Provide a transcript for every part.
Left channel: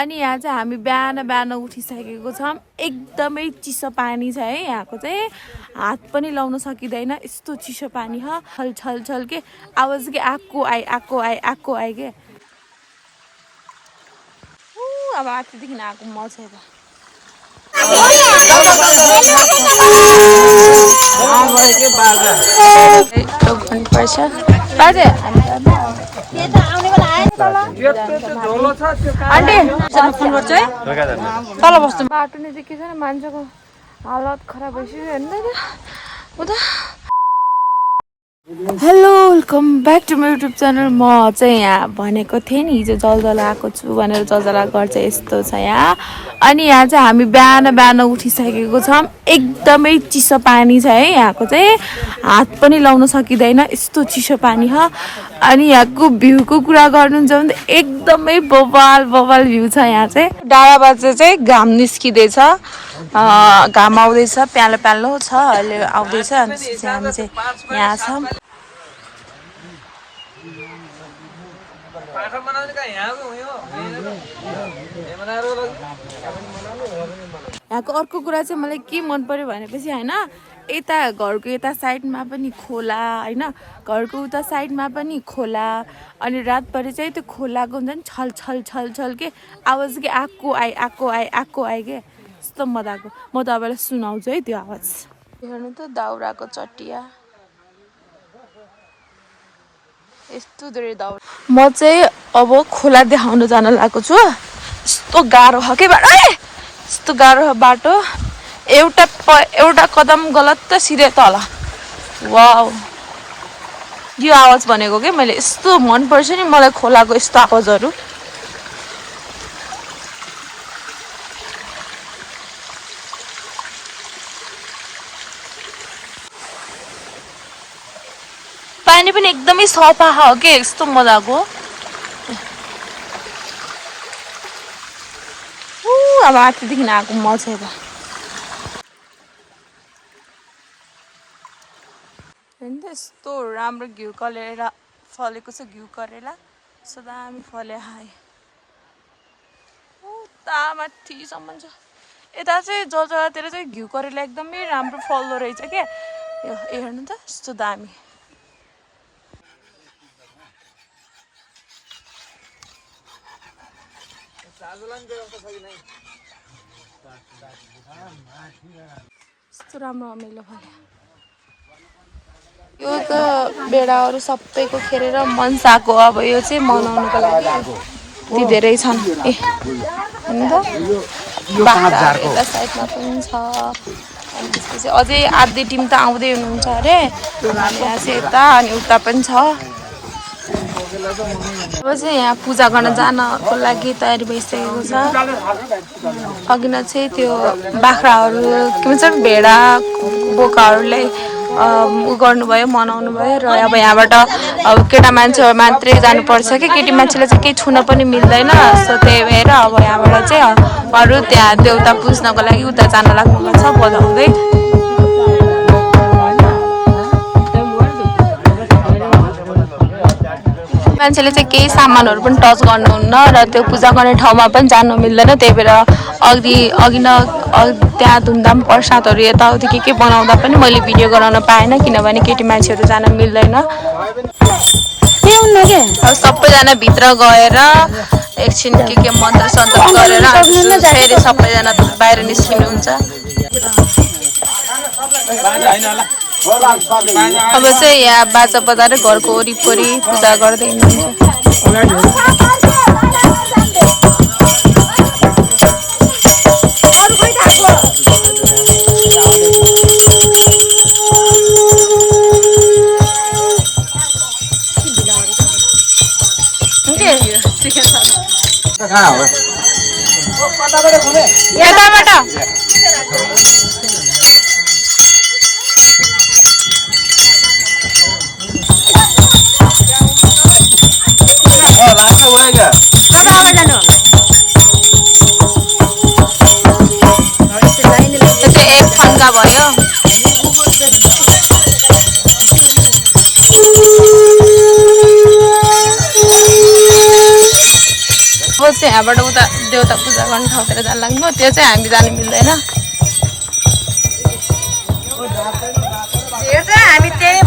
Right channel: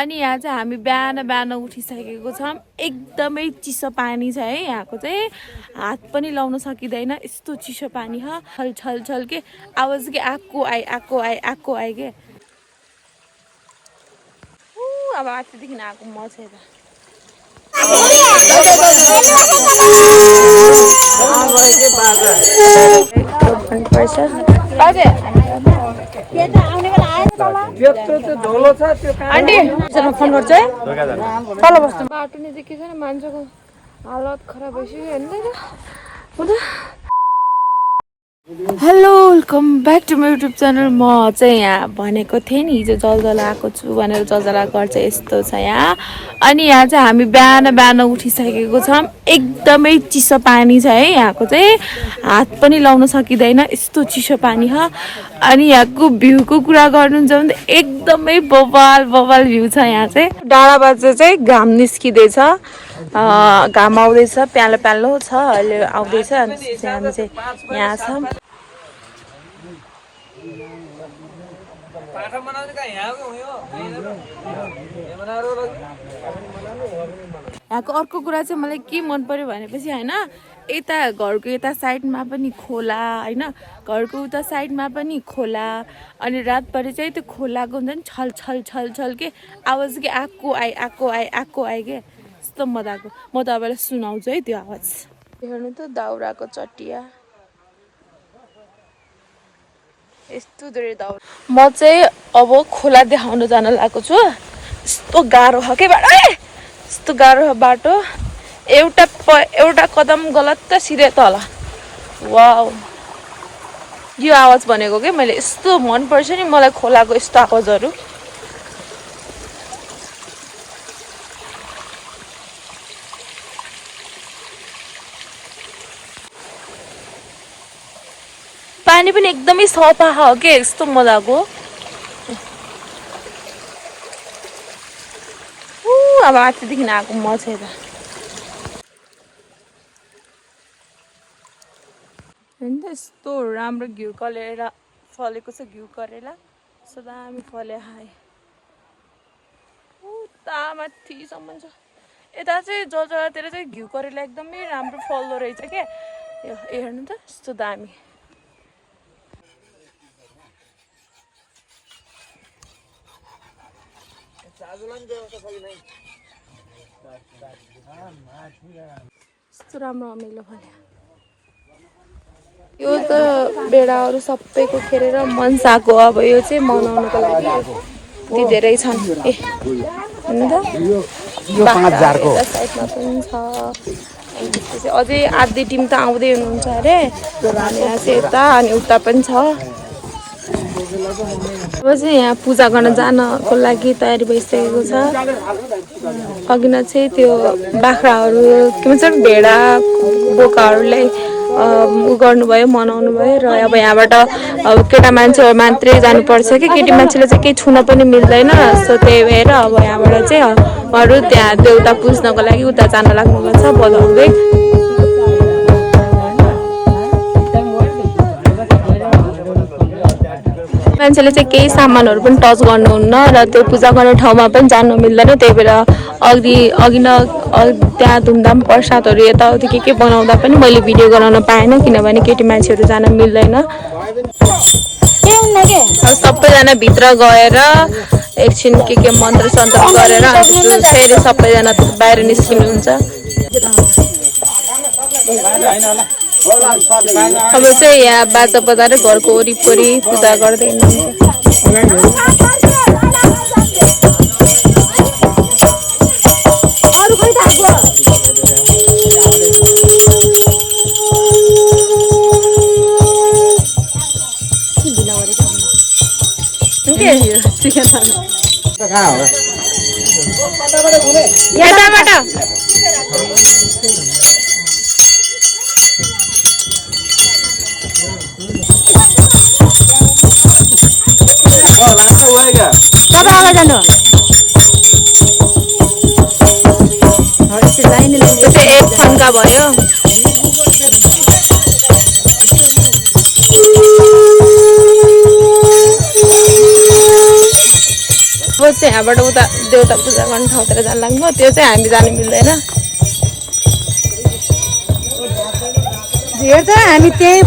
अनि यहाँ चाहिँ हामी बिहान बिहान उठिसकेको छौँ। एकदमै चिसो पानी छ है। यहाँको चाहिँ हात पनि लाउन सकिँदैन, यस्तो चिसो पानी छ। छल छल छल के आवाज के आएको आए के। अब माथिदेखि आएको म चाहिँ तल बस्नु बाटो नै चाहिँ के छैन, मान्छेको हालत खराब भइसक्यो हेर्नु। Hello welcome back to my YouTube channel. म चाहिँ यहाँ भनेको थिएँ नि हिजो जलजला आएको छु भनेर। जलजला घर चाहिँ यस्तो छ यहाँ। अनि यहाँ चाहिँ हामी बिहान बिहान उठिसकेको छौँ। एकदमै चिसो पानी छ है। यहाँको चाहिँ हात पनि लाउन सकिँदैन, यस्तो चिसो पानी छ। अनि यहाँको भ्यूको कुरा गर्नुहुन्छ भने एकदमै बवाल बवाल भ्यू छ यहाँ चाहिँ। डाँडाबाट चाहिँ घाम निस्किँदैछ, घाम आउँदैछ, प्यालो प्यालो छ अहिले आउँदैछ। अनि हामी चाहिँ यहाँ छौँ। यहाँको अर्को कुरा चाहिँ मलाई के मन पर्यो भनेपछि होइन, यता घरको यता साइडमा पनि खोला होइन, घरको उता साइडमा पनि खोला। अनि रातभरि चाहिँ त्यो खोलाको हुन्छ नि छल छल छल छल के आवाज के आएको आए के यस्तो मजाको। म तपाईँलाई सुनाउँछु है त्यो आवाज। हेर्नु त दाउराको चटिया यस्तो धेरै दाउरा। म चाहिँ अब खोला देखाउन जान लागेको छु। यस्तो गाह्रो छ के बाटो, यस्तो गाह्रो छ बाटो। एउटा कदम गलत त सिधै तल। वाउ, यो आवाज भनेको के मैले यस्तो मन पर्छ नि मलाई खोलाको यस्तो आवाजहरू। पानी पनि एकदमै सफा हो के, यस्तो मजाको। अब माथिदेखि आएको म चाहिँ यस्तो राम्रो घिउ करेला फलेको छ। घिउ करेला यस्तो दामी फले हाए उता माथिसम्म छ। यता चाहिँ जलजलातिर चाहिँ घिउ करेला एकदमै राम्रो फल्दो रहेछ क्या। यो हेर्नु त यस्तो दामी। यस्तो राम्रो अमिलो फल्यो। यो त बेडाहरू सबैको खेरेर मनसाको अब यो चाहिँ मनाउनुको लागि दिँदै छन्। हेर्नु त बाख्रा यता साइडमा पनि छ। अनि त्यसपछि अझै आधी टिम त आउँदै हुनुहुन्छ अरे। अनि यहाँ चाहिँ यता अनि उता पनि छ। अब चाहिँ यहाँ पूजा गर्न जानको लागि तयारी भइसकेको छ। अघि न चाहिँ त्यो बाख्राहरू के भन्छ भेडा बोकाहरूलाई उ गर्नुभयो, मनाउनु भयो। र अब यहाँबाट अब केटा मान्छे मात्रै जानुपर्छ कि केटी मान्छेले चाहिँ केही छुन पनि मिल्दैन। सो त्यही भएर अब यहाँबाट चाहिँ उहाँहरू त्यहाँ देउता पुज्नको लागि उता जान लाग्नु भएको छ बजाउँदै। मान्छेले चाहिँ केही सामानहरू पनि टच गर्नुहुन्न र त्यो पूजा गर्ने ठाउँमा पनि जानु मिल्दैन। त्यही भएर अघि न त्यहाँ धुमधाम प्रसादहरू यताउति के बनाउँदा पनि मैले भिडियो गराउन पाएन, किनभने केटी मान्छेहरू जान मिल्दैन। अब सबैजना भित्र गएर एकछिन के मन्त्र सन्त्र गरेर फेरि सबैजना बाहिर निस्किनुहुन्छ। अब चाहिँ यहाँ बाजा बजाएर घरको वरिपरि पूजा गर्दै हुनुहुन्छ। एक फन्का भयो। अब चाहिँ यहाँबाट उता देउता पूजा गर्ने ठाउँतिर जान लाग्नु त्यो चाहिँ हामी जानु मिल्दैन हामी त्यही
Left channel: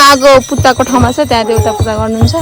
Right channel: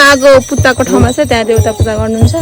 आगो पुत्ताको ठाउँमा छ त्यहाँ देउता पूजा गर्नुहुन्छ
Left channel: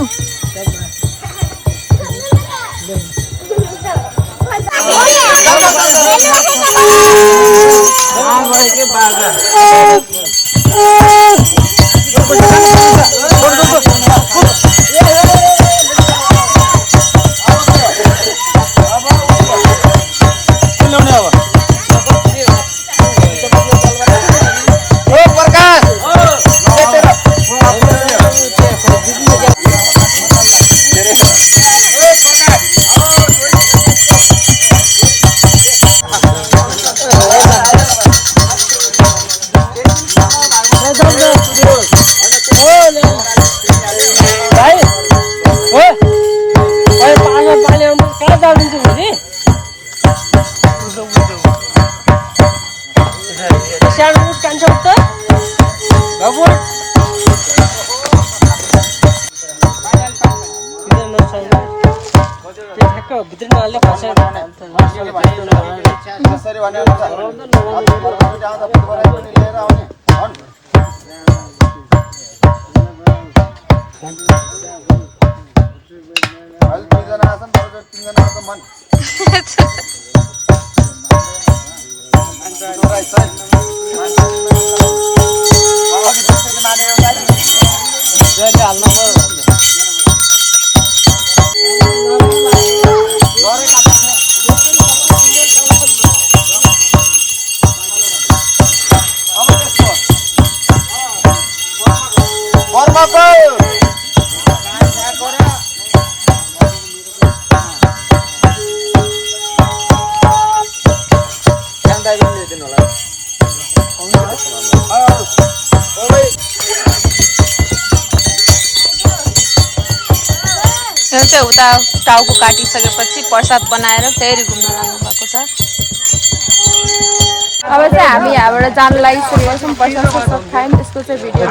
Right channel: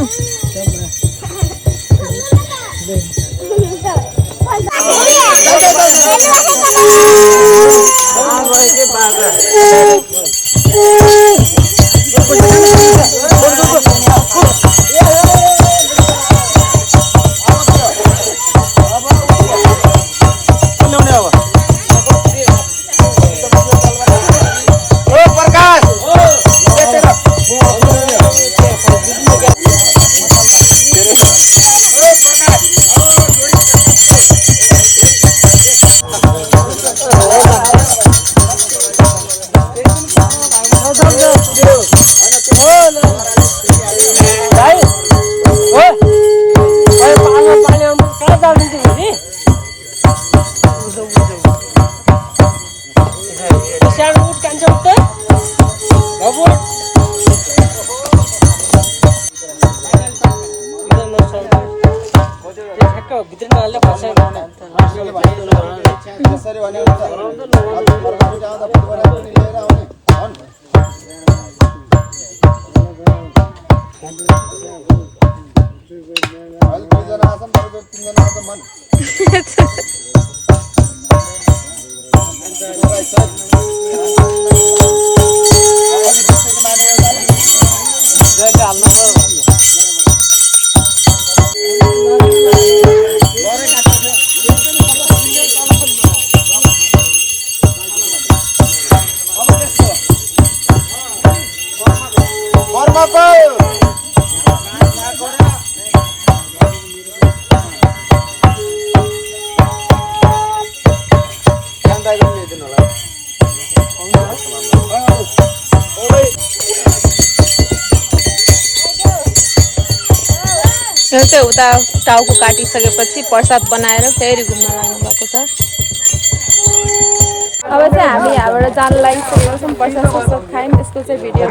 उता टाउको काटिसकेपछि प्रसाद बनाएर फेरि घुम्न लाग्नु भएको छ अब चाहिँ हामी यहाँबाट जान लागि सुरु गर्छौँ प्रसाद ससाद खायौँ त्यसको चाहिँ भिडियो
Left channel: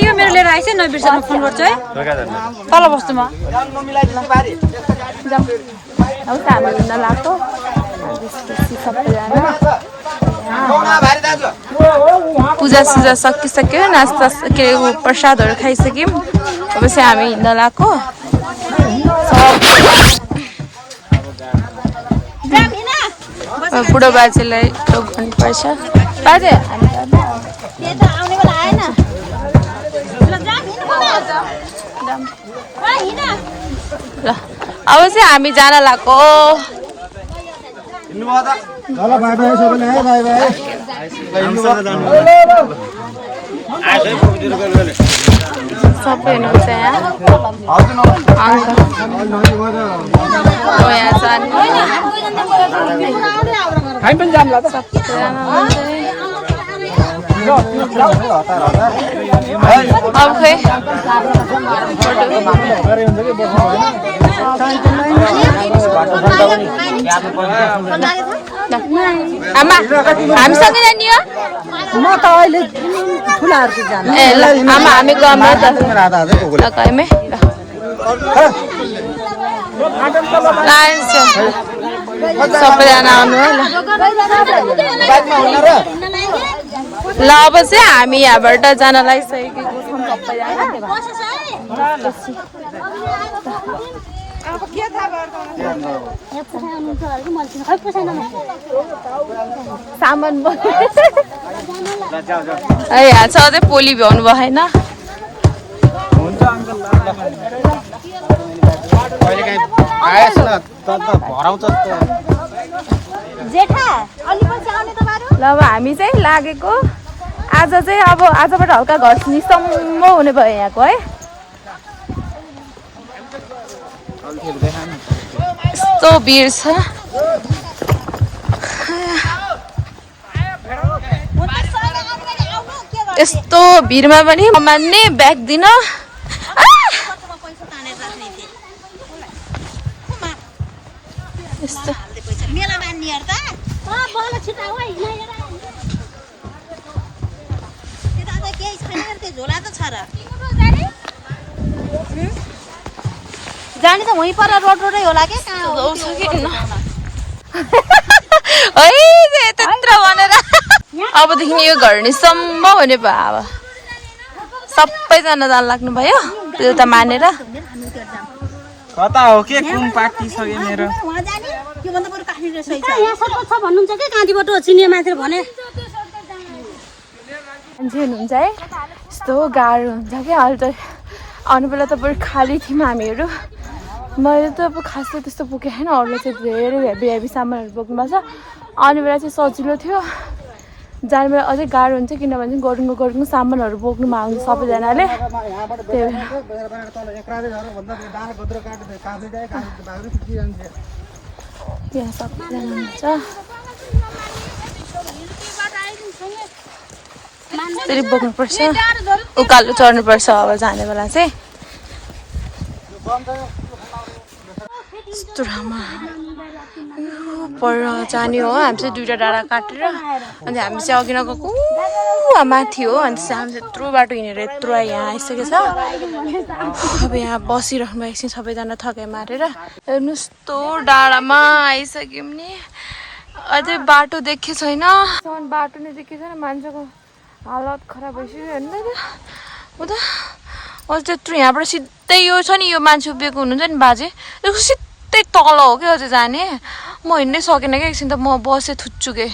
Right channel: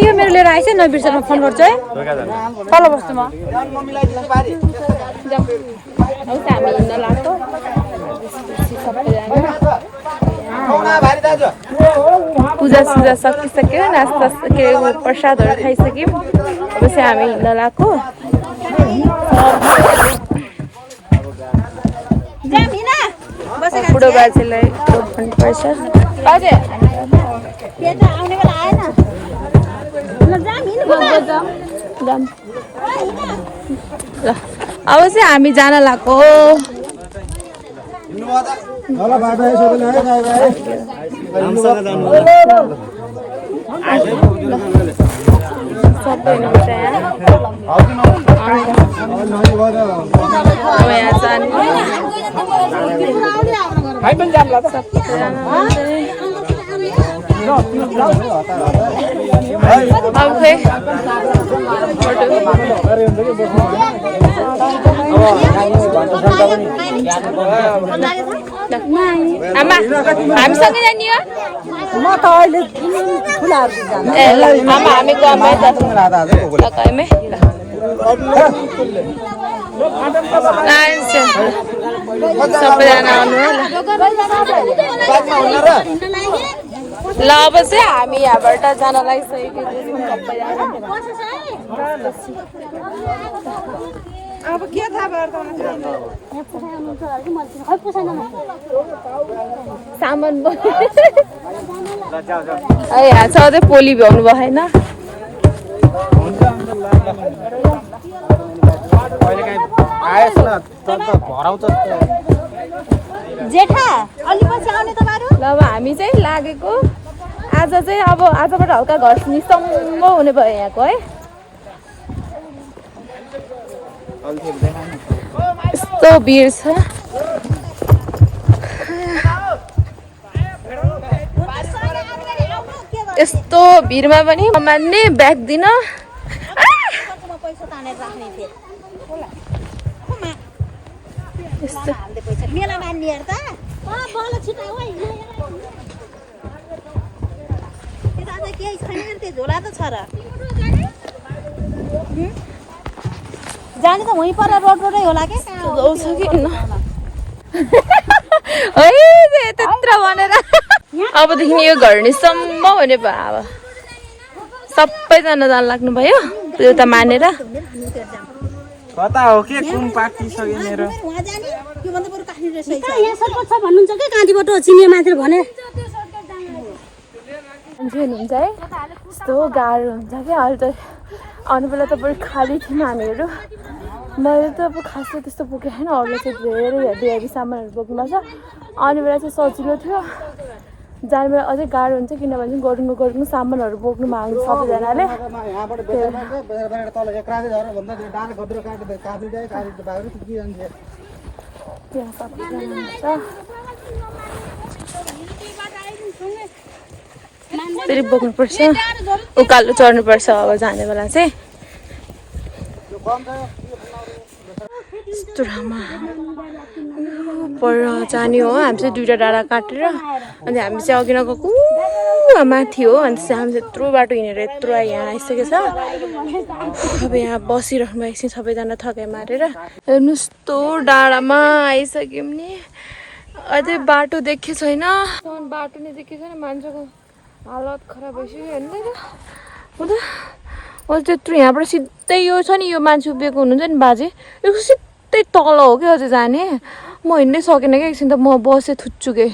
यो मेरो लिएर आइस नबिर्सनु फोन गर्छु है तल बस्नुमा हामी हिँड्न लाग्छौँ सबैजना पूजा सुजा सकिसक्यो नास्ता के प्रसादहरू खाइसक्यौँ अब चाहिँ हामी हिँड्न लाग्यो बुढो बाजेलाई टोक गर्नुपर्छ ल अब चाहिँ हामी जान लाग्यो सबै हुनुहुन्छ यहाँ अब खै आमा हामीसँगै जाने हो आमा हामी गयौँ गयौँ सबैजना आउनु ल अब चाहिँ हामी यहाँबाट जान लागिसकेको सामान यहाँ छ अझै पोली भ्याउनु भयो होइन ल अब हामी चाहिँ लागेको आज चाहिँ अब आजबाट हल्का घर निसम्म हुने भयो यहाँको है यस्तो भिड छ यस्तो भिडमा पनि मान्ने ब्याग दिन केही छैन त्यो झोला त छ र जाने त वहीँ पर रोडै होला के जाउँछ कि न है त्यत्रो भनेर अबदेखि यो घर नि सम्भव हुने भयो अब सबैजना जान लाग्नु भयो एउटा मानेर कता हो के कुन पार्टी छ यो मेरो वहाँ जाने यो भन्दा बरु काट्ने रहेछ यहाँ सरपञ्च छ भन्नुहुन्छ कि काँटीबाट चिनिया मान्छे भने मान्छे हुनुहुन्छ है यस्तो गाह्रो हुन्छ क्या अहिले त आउने बेला त बरु खाली थियौँ हामीहरू मैले त अब खास त त्यस्तो बोकेको छैन अरूले चाहिँ धेरै हेभी हेभी सामानहरू बोक्नुपर्छ आउने बेला चाहिँ सजिलो थियो जाने बेला अझै गाह्रो हुन्छ किनभने गरुङको सामानहरू बोक्नु माग्नु सबैजनाले यहाँ सबैजना हुन्छ फेरि बोक्नुपर्छ उकालो चढ्नुपर्छ अब जाने बेला चाहिँ यस्तो राम्रो पर जाने हो हामी चाहिँ 2टा डाँडा काटेर अनि हामी चाहिँ अघि नगएको माथि हो अनि चाहिँ हामी चाहिँ यत्रो बाटो हिँडेर यत्रो यहाँ आइसकेको छ अब यहाँ बसिराख्नु एकछिन सबैजना थकाइ मारेर हेर्नु यस्तो डाँडामा आइसक्यौँ नि अझै बाटो देखेको छैन बाटो नै देखेको छैन मान्छेको हालत खराब भइसक्यो हेर्नु हुँदा अझ त्यत्रो यहाँबाट सिधै यो छ नि यो मान्छे उभिएको हुनुहुन्छ नि बाजे सिधै तल हो क्या अझै जाने म हिँड्नै सकेन क्या एकछिन त म बसेँ थुच्चुके